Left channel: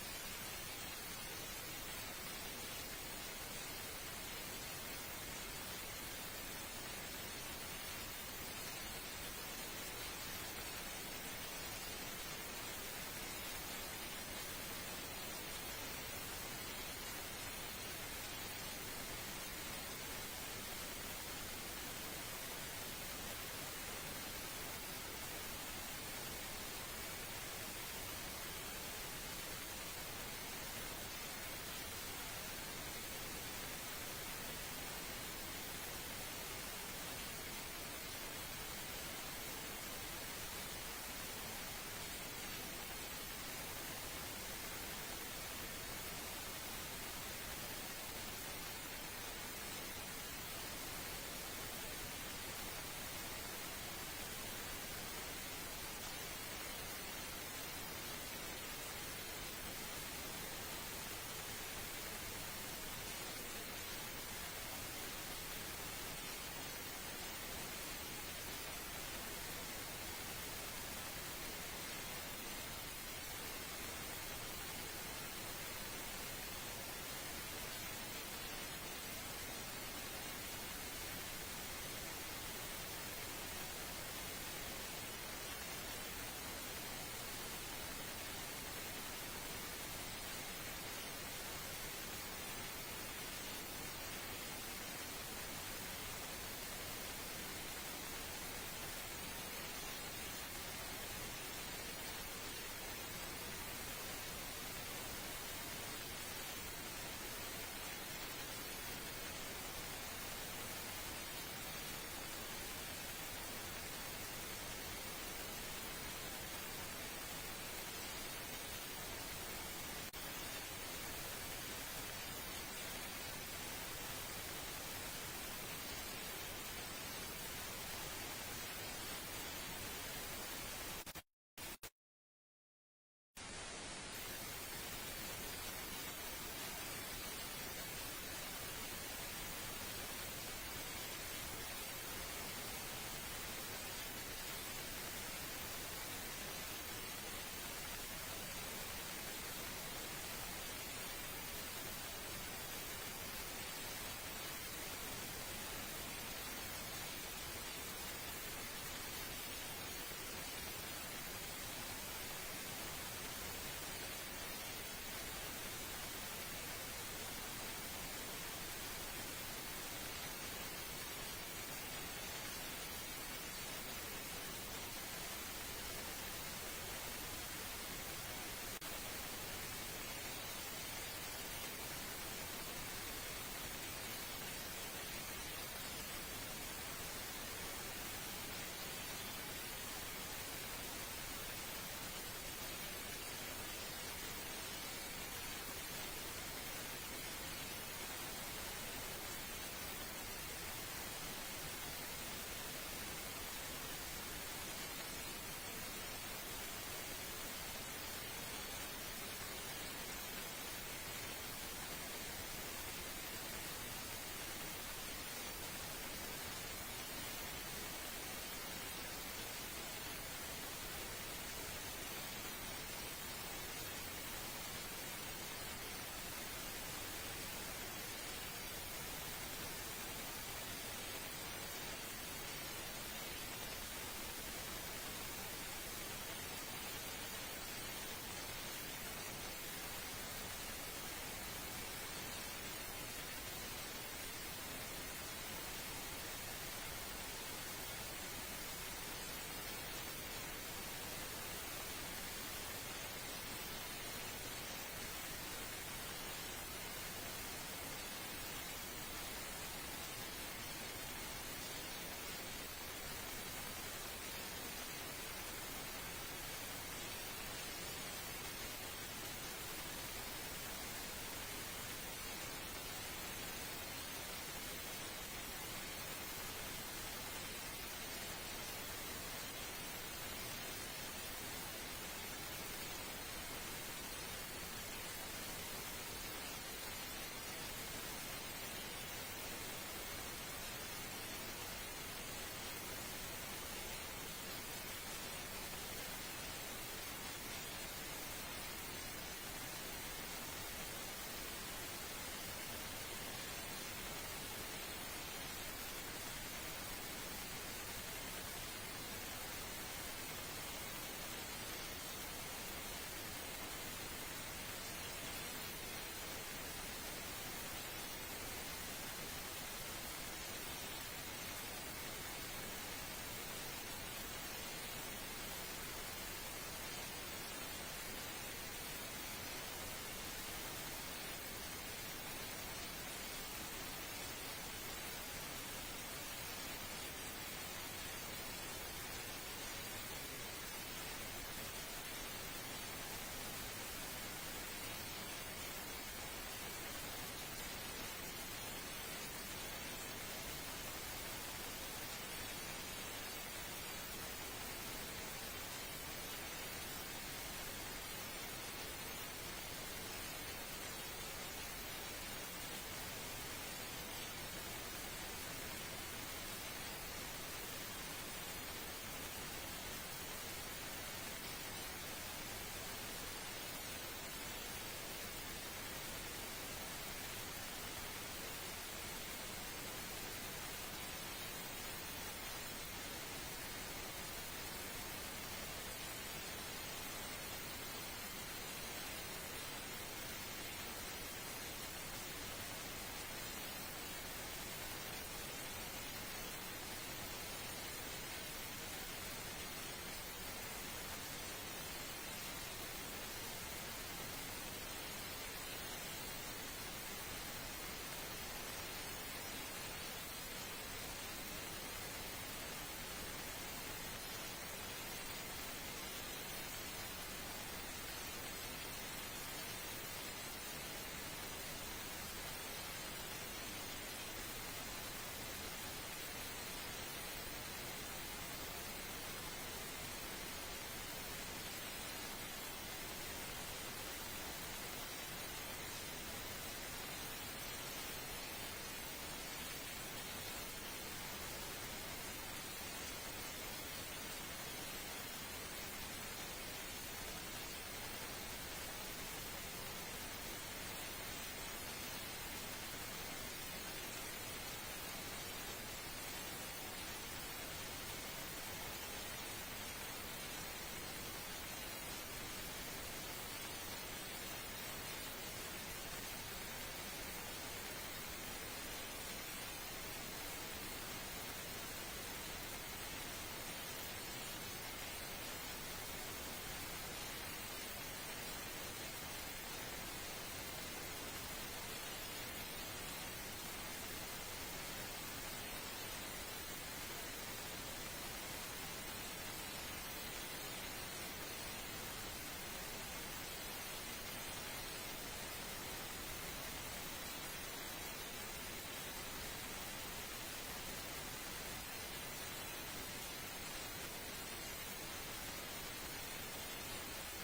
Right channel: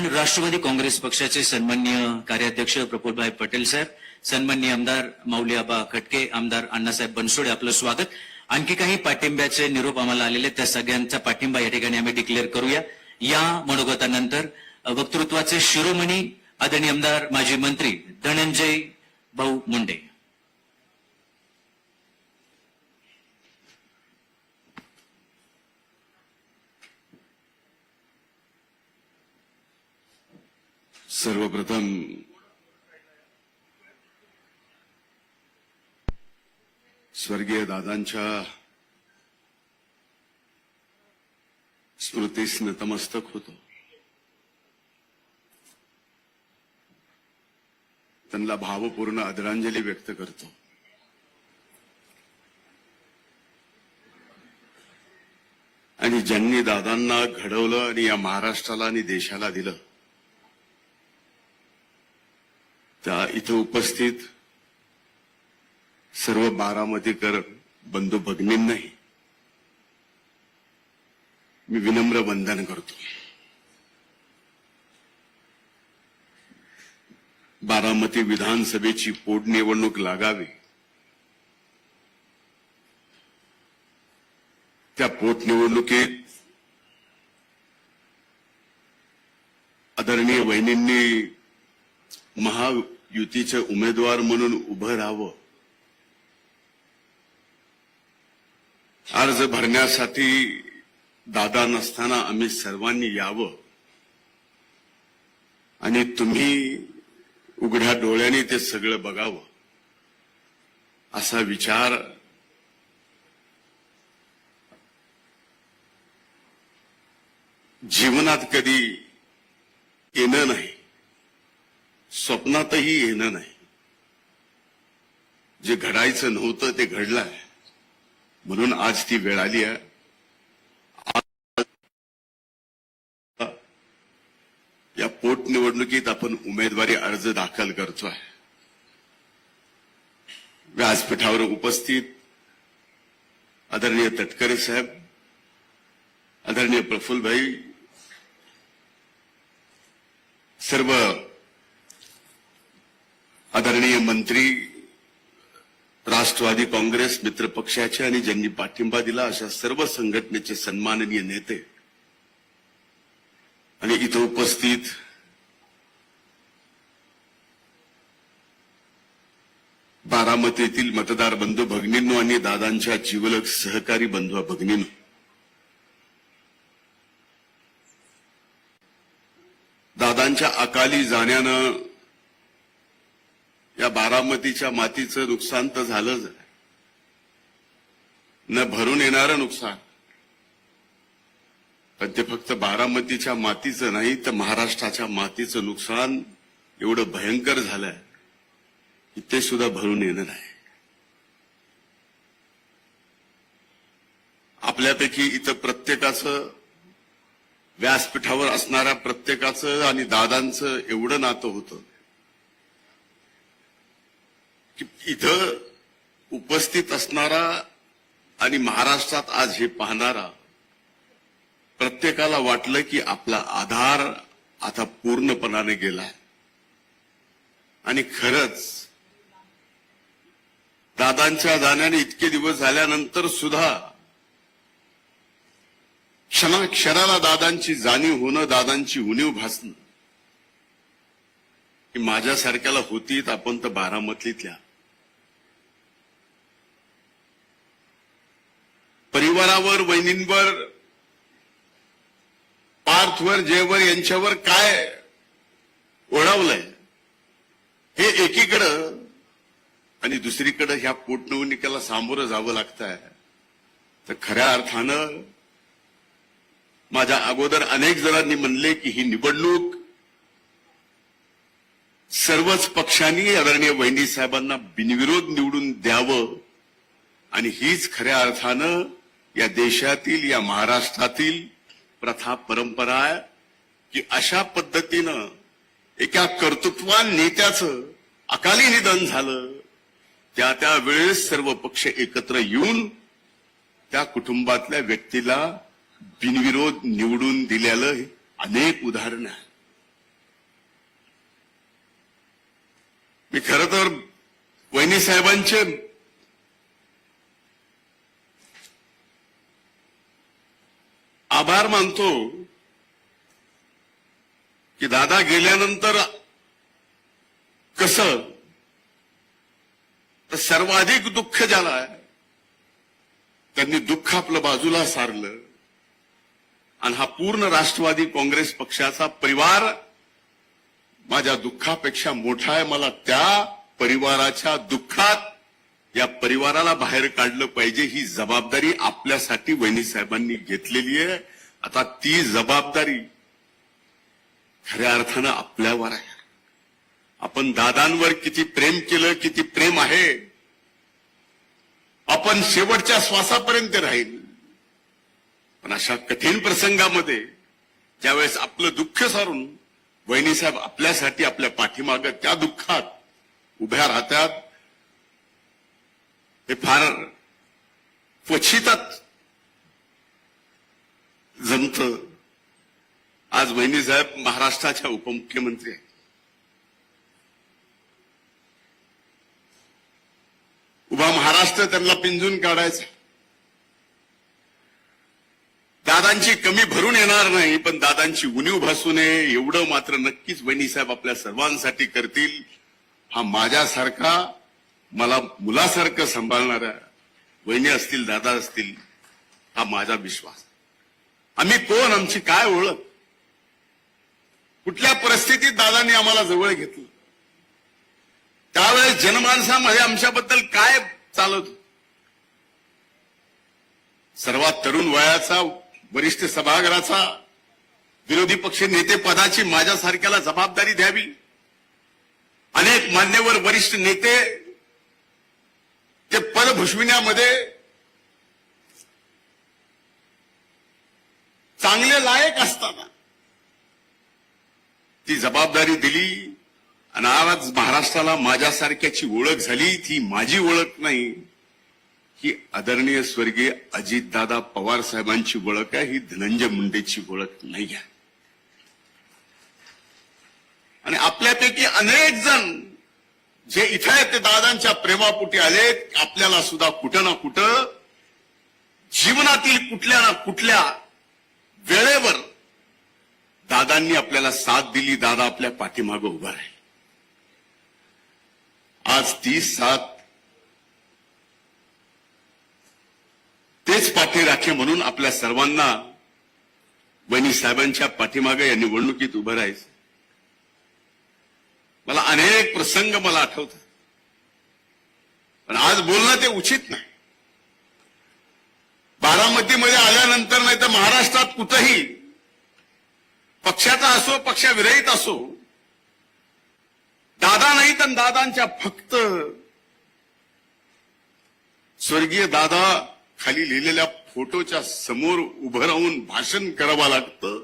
आपण राष्ट्रवादी काँग्रेस पक्षाचे सन्माननीय कार्याध्यक्ष प्रफुल्लभाई पटेल साहेब, सन्माननीय आमदार माऊली आबा खटके, आमदार अण्णासाहेब बनसोडे, आपलं स्वागत. आणखी काही पाठिंब्याचे निरोप आम्हाला आलेले, त्या सगळ्यांचा पाठिंबा या ठिकाणी आम्ही डिक्लेअर करूया. या मनोगतानंतर वक्तृत्वाचे शिरोमणी आदरणीय आमदार माजी मंत्री धनंजय भाऊ मुंडे. सर्वप्रथम स्वर्गीय दादांच्या स्मृतीस नतमस्तक होतो. त्यांना भावपूर्ण आदरांजली व्यक्त करतो. आणि ज्यांनी दादांना घडवलं आणि या महाराष्ट्राला आणि देशाला दिलं, त्या इथं उपस्थित सर्व बारामतीकर बंधू भगिनींनाही मी विनम्र वंदन करतो. बारामती विधानसभेची पोटनिवडणूक लागावी, त्या पोटनिवडणुकीत आदरणीय वहिनींनी महायुतीचे उमेदवार म्हणून उभं राहावं. अर्ज भरण्यासाठी दादा नसताना आम्ही सर्वांनी यावं आणि तुम्ही उघड्या डोळ्यांनी ते सगळं बघावं, असा विचार जीवनात कधी येणं नाही, स्वप्नातही येणं नाही. जे घडायचं नव्हतं ते घडलंय, म्हणून आज ती वेळ आली आहे. या पोटनिवडणुकीत आपण उमेदवारी अर्ज दाखल करतोय. व्यासपीठावर उपस्थित आदरणीय तटकरे साहेब, आदरणीय प्रफुल्लभाई, सर्व आदरणीय मंत्री, राष्ट्रवादी काँग्रेस मित्र पक्षाचे आणि ज्यांनी पाठिंबा दिला अशा सर्व संघटनेचे सन्माननीय नेते आणि इथं उपस्थित बारामतीतील मतदार बंधू भगिनींनो आणि दादांच्या जिवलग सहकारी बंधू भगिनींनो, दादांच्या अकाली जाण्यानं या बारामतीच्या मातीचं नुकसान तर झालंच, न भरून येणारं नुकसान. पण ते फक्त बारामतीच्या मातीचं नाही तर महाराष्ट्राच्या मातीचं नुकसान एवढं भयंकर झालंय की ते सुद्धा भरून येणं नाही. आपल्यापैकी इथं प्रत्येकाचं, व्यासपीठावर असणाऱ्या प्रत्येकाचं आणि दादांचं एवढं नातं होतं की इथं उपस्थित असणारा आणि महाराष्ट्रात आज हे पाहणारा प्रत्येकाला वाटलं की आपला आधार आता पूर्णपणाने गेला. आणि खरंच दादांच्या जाण्याने इतके दिवस झाल्यानंतर सुद्धा क्षणाला दादांची जाणीव होणं, दादांची उणीव भासणं की माझ्यासारख्याला होतीत आपण तर बारामतीतल्या परिवारावर, वहिनींवर, पार्थवर, जयवर यांच्यावर काय ओढावलंय हे एकीकडं, आणि दुसरीकडे ह्या पोटनिवडणुकीला सामोरं जावं लागतंय. तर खऱ्या अर्थानं माझ्या अगोदर अनेक जणांनी म्हणले की ही निवडणूक सर्वच पक्षांनी आदरणीय वहिनी साहेबांना बिनविरोध निवडून द्यावं, आणि हीच खऱ्या अर्थानं या देशातील, या महाराष्ट्रातील प्रथा परंपरा आहे की अशा पद्धतीनं एका कर्तृत्वान नेत्याचं अकाली निधन झालं, त्या वेळेस सर्व पक्ष एकत्र येऊन त्या कुटुंबातल्या व्यक्तीला बिनविरोध निवडून दिलेलं अनेक उदाहरणं आहेत. मी खरं तर वहिनी साहेबांचे आभार मानतो की दादा गेल्यानंतर कसं तर सर्वाधिक दुःख ज्याला आहे त्यांनी दुःख आपलं बाजूला सारलं आणि हा पूर्ण राष्ट्रवादी काँग्रेस पक्षाचा परिवार माझ्या दुःखापेक्षा मोठा आहे. मला त्या परिवाराच्या दुःखात या परिवाराला बाहेर काढलं पाहिजे ही जबाबदारी आपल्यासाठी वहिनी साहेबांनी घेतलेली आहे. आता ती जबाबदारी खऱ्या अर्थानं आपल्यावर आहे. आपण दादांवर किती प्रेम केलं, किती प्रेम आहे, आपण शेवटच्या श्वासापर्यंत राहील. पण अशा कठीण प्रसंगामध्ये ज्यावेळेस आपलं दुःख सारून वहिनी साहेब आपल्यासाठी आपल्या पाठीमागं त्या दुःखात उभ्या राहतात, हे फार क्वचितच जमतं. आज वहिनी साहेब महाराष्ट्राच्या उपमुख्यमंत्री आहेत. उभा महाराष्ट्र त्यांना पिंजून काढायचा. दादांची कमी भरून येणार नाही, पण दादांची उणीव भासू नये एवढं मात्र नक्कीच वहिनी साहेब आपल्या सर्वांसाठी करतील. हा माझ्यासारखा मला मुलासारखं सांभाळणाऱ्या वहिनी असतील, दादा असतील, हा माझा विश्वास. आम्ही कोण, आमची काय ओळख, कुठल्या परिस्थितीत दादांनी आम्हाला जवळ घेतलं, त्यावेळेस जनमानसामध्ये आमच्याबद्दल काय चालत. सर्वात तरुण वयाचा वरिष्ठ सभागृहाचा विरोधी पक्ष नेते पदाची माझ्यासारख्याला जबाबदारी द्यावी. अनेक मान्यवर वरिष्ठ नेते ते पद भूषविण्यामध्ये चांगले लायक असताना ती जबाबदारी दिली आणि आज महाराष्ट्राला माझ्यासारख्याची ओळख झाली. ती माझी ओळख नाही, ही आदरणीय स्वर्गीय अजितदादा पवार साहेबांची ओळख आहे. ही धनंजय मुंडेची ओळख नाही आहे. आणि आपल्यापैकी अनेक जण जे इथे आहेत ते दादांच्या प्रेमापोटी आले. आपल्याला सुद्धा कुठं ना कुठं जीवनातील कुठल्या ना कुठल्या वेळेवर दादांनी आपल्याला साथ दिली. दादा आपल्या पाठीमागं उभा आहे. आज ती साथ तेच पाठी राखे म्हणून आपल्या सर्वांना वहिनी साहेबांच्या पाठीमागे या निवडणुकीत उभं राहायचं. मला अनेक प्रसंग मला आठवतात, पण आज बोलणं ते उचित नाही. बारामतीमध्ये आल्यानंतर नाही तर महाराष्ट्रात कुठंही पक्षाचा असो पक्षाविरहित असो, दादा नाही तर दादांच्या फक्त स्वर्गीय दादा खाली लिहिलेल्या फोटोच्या समोर उभं राहून भाषण करावं लागतं.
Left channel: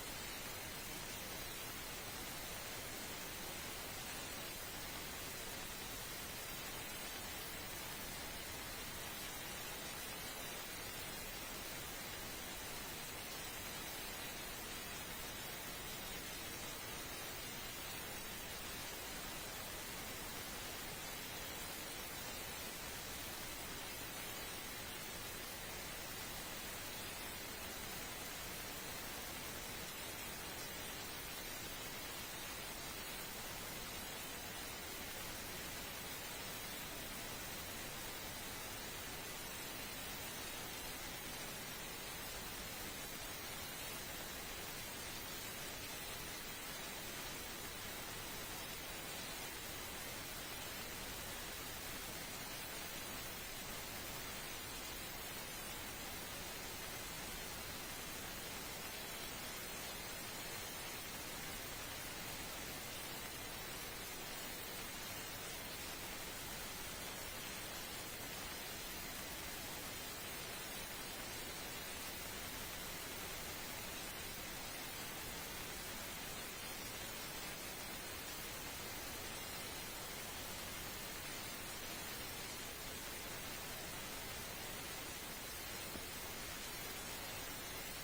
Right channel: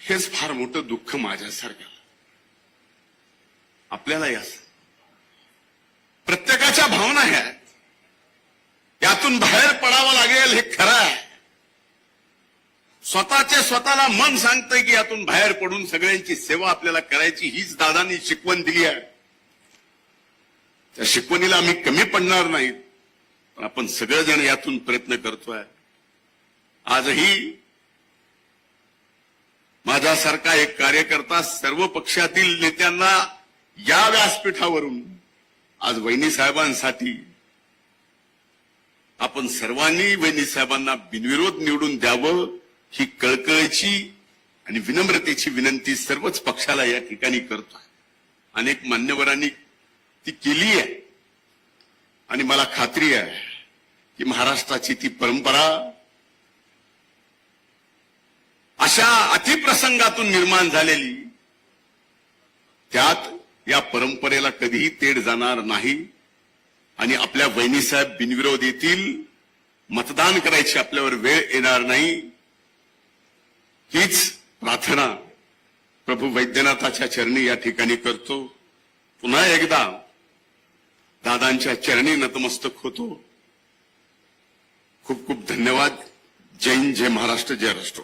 हेच फार मोठं दुःख माझ्यासारखं. आपल्याला या प्रत्येकाच्या भावना ह्या यातून बाहेर पडावं लागेल, हे खरं आहे. स्वतःला मन सांगतंय की यातून बाहेर पडून सगळ्यांची सेवा आपल्याला करायची, हीच दादांनी शिकवण दिली आहे. त्या शिकवणीला आम्ही कमी पडणार नाहीत, पण आपण सगळेजण यातून प्रयत्न करतोय. आजही माझ्यासारखा एक कार्यकर्ता सर्व पक्षातील नेत्यांना या व्यासपीठावरून आज वहिनी साहेबांसाठी आपण सर्वांनी वहिनी साहेबांना बिनविरोध निवडून द्यावं ही कळकळीची आणि विनम्रतेची विनंती सर्वच पक्षाला या ठिकाणी करतो. अनेक मान्यवरांनी ती केली आहे आणि मला खात्री आहे की महाराष्ट्राची ती परंपरा अशा अतिप्रसंगातून निर्माण झालेली, त्यात या परंपरेला कधीही तेढ जाणार नाही. आणि आपल्या वहिनीसाहेब बिनविरोध येतील, मतदान करायची आपल्यावर वेळ येणार नाही. हीच प्रार्थना प्रभू वैद्यनाथाच्या चरणी या ठिकाणी करतो. पुन्हा एकदा दादांच्या चरणी नतमस्तक होतो. खूप खूप धन्यवाद. जय हिंद, जय महाराष्ट्र, जय राष्ट्र.